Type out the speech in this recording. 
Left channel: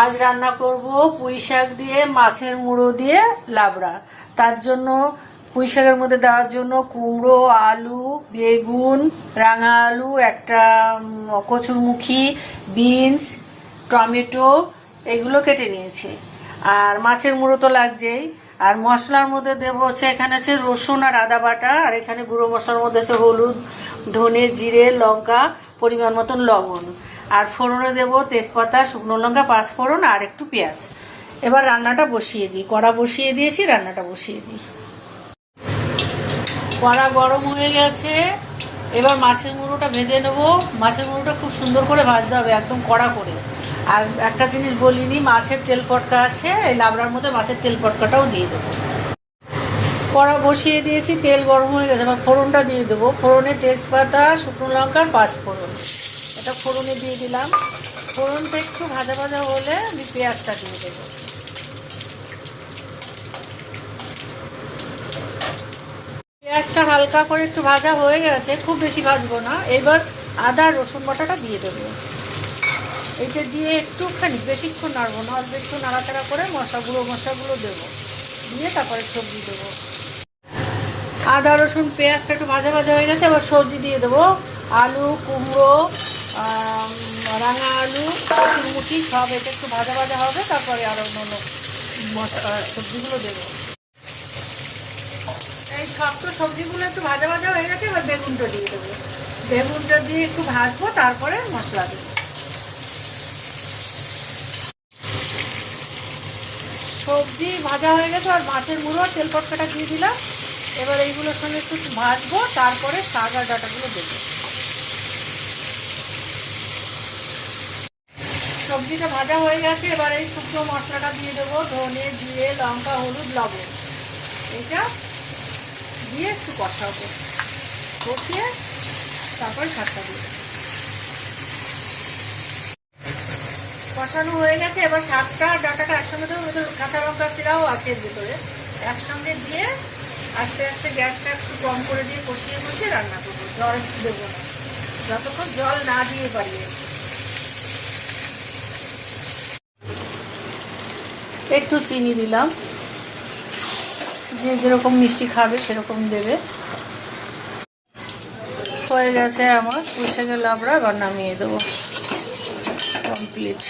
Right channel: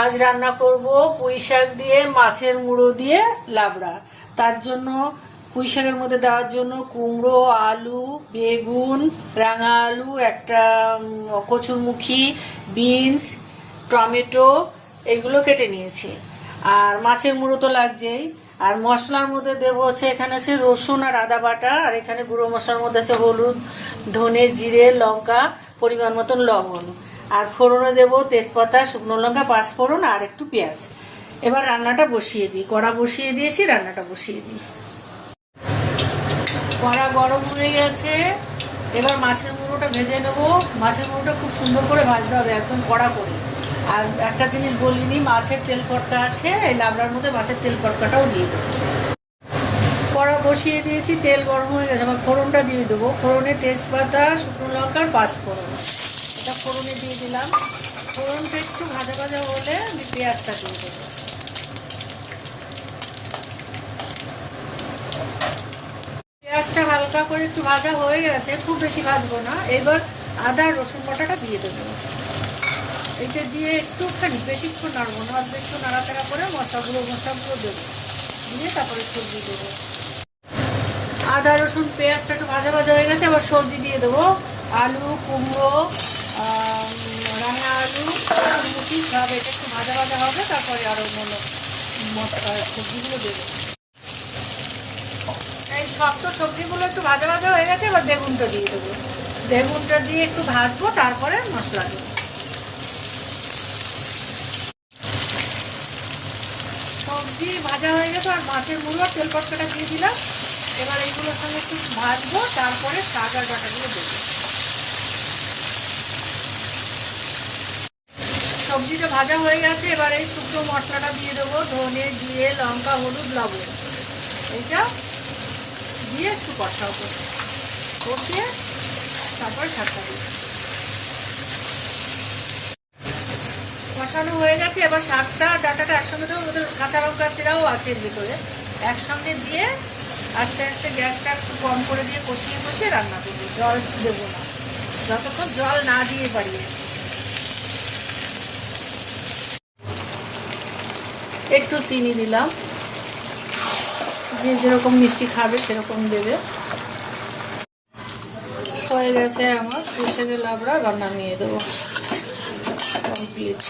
আজ রান্না করব পুঁই শাক দিয়ে, মাছের মুড়ো দিয়ে লাবড়া। তার জন্য পুঁই শাকের মধ্যে দেওয়ার জন্য কুমড়ো, আলু, বেগুন, রাঙা আলু, একটা কচুরমুখী, বিনস, টমেটো, এগুলো কেটে নিয়েছি। আর মাছের মুড়ো তো লাগছেই। আর মশলার মধ্যে দেবো হচ্ছে, এখানে আছে রসুন আর আদা বাটা, আর এখানে গুঁড়ো মশলার মধ্যে আছে হলুদ, ধনে, জিরে, লঙ্কা, পরিমাণ মতন লবণ। আর ফোড়নে দেবো তেজপাতা, শুকনো লঙ্কা, পাঁচ ফোড়ন আর একটু পেঁয়াজ। এবার রান্নাটা বসিয়ে দিই। কড়া বসিয়ে দিয়েছি, রান্নাটা বসিয়ে দিই। কড়া গরম হয়ে গেছে। এবার মাছের মুড়োটা ভেজে নেব। মাছের মুড়োটা খুব সুন্দর করে ভাজতে হবে, একদম কড়া করে। আর একটা জিনিস বলিনি, মাছের তেল পটকা আছে, এই লাবড়ার মধ্যে মাছের তেল পটকাটাও দিয়ে দেবো। কড়া বসিয়ে দিয়েছি, তেল গরম হয়ে গেছে। এবার ফোড়নটা দিয়ে দেবো। ফোড়নে তেজপাতা, শুকনো লঙ্কার পাঁচ ফোড়ন। এটা ফোড়নে দিয়ে দিলাম। ফোড়নটা একটু ভাজা ভাজা হলে আমি পেঁয়াজটা দিয়ে দেবো। পেঁয়াজটা হালকা করে একটু ভাজা হয়ে গেছে, খুব বেশি ভাজবো না। এবার আদা, রসুন বাটাটা দিয়ে দেবো। এইটা দিয়ে একটুখানি, বেশিক্ষণ নাড়বো না, অল্প একটু নাড়াচাড়া করে মশলাগুলো মশলাগুলো দেবো। দিয়ে তারপরে সবজি দেবো। আদা, রসুন, পেঁয়াজটা একটু ভাজা ভাজা হয়ে গেছে, এবার সবজি দিয়ে দেবো। আলু, কুমড়ো রাঙা আলু মুখি সব এটা একটু ভাজা ভাজা হবে, তারপরে আরও অন্য সবজিগুলো দেবো। এই সব তো সবজিগুলো একটু ভাজা ভাজা হয়ে গেছে, এবার বেগুনটা দিয়ে দেবো। বেগুনটা দিয়ে একটু ভাজবো, তারপরে মশলা দেবো। সবজি ভাজা হয়ে গেছে, আর মাছের আর তেল পটকাটা দিয়ে দিলাম। এবার এইগুলোর সঙ্গে একটু ভাজবো, তারপরে শাক আর ডাটাগুলো দেবো। সবজিটা ভাজা হয়ে গেছে, এবার এই শুকনো মশলাটা দিয়ে দেবো, ধনে, জিরে, লঙ্কা, হলুদ, লবণ। এইটা দিয়ে একটু কষাবো কষিয়ে তারপরে শাকটা দিই কষানো হয়ে গেছে, এবার শাকটা ডাটাটা একসঙ্গে দেবো কাঁচা লঙ্কা চিরাও আছে ভিতরে। একসঙ্গে দিয়ে আস্তে আস্তে গ্যাসটা একটু কম করে দিয়ে কষিয়ে কষিয়ে রান্না করব। জল দেবো না। যতক্ষণ জল না দিয়ে পারি একটু চিনি দিলাম। যে যেরকম মিষ্টি খাবে সেরকম দেবে। হয়ে গেছে আমার। পুষে শাকের আমরা, এবার নামিয়ে দেবো। কমপ্লিট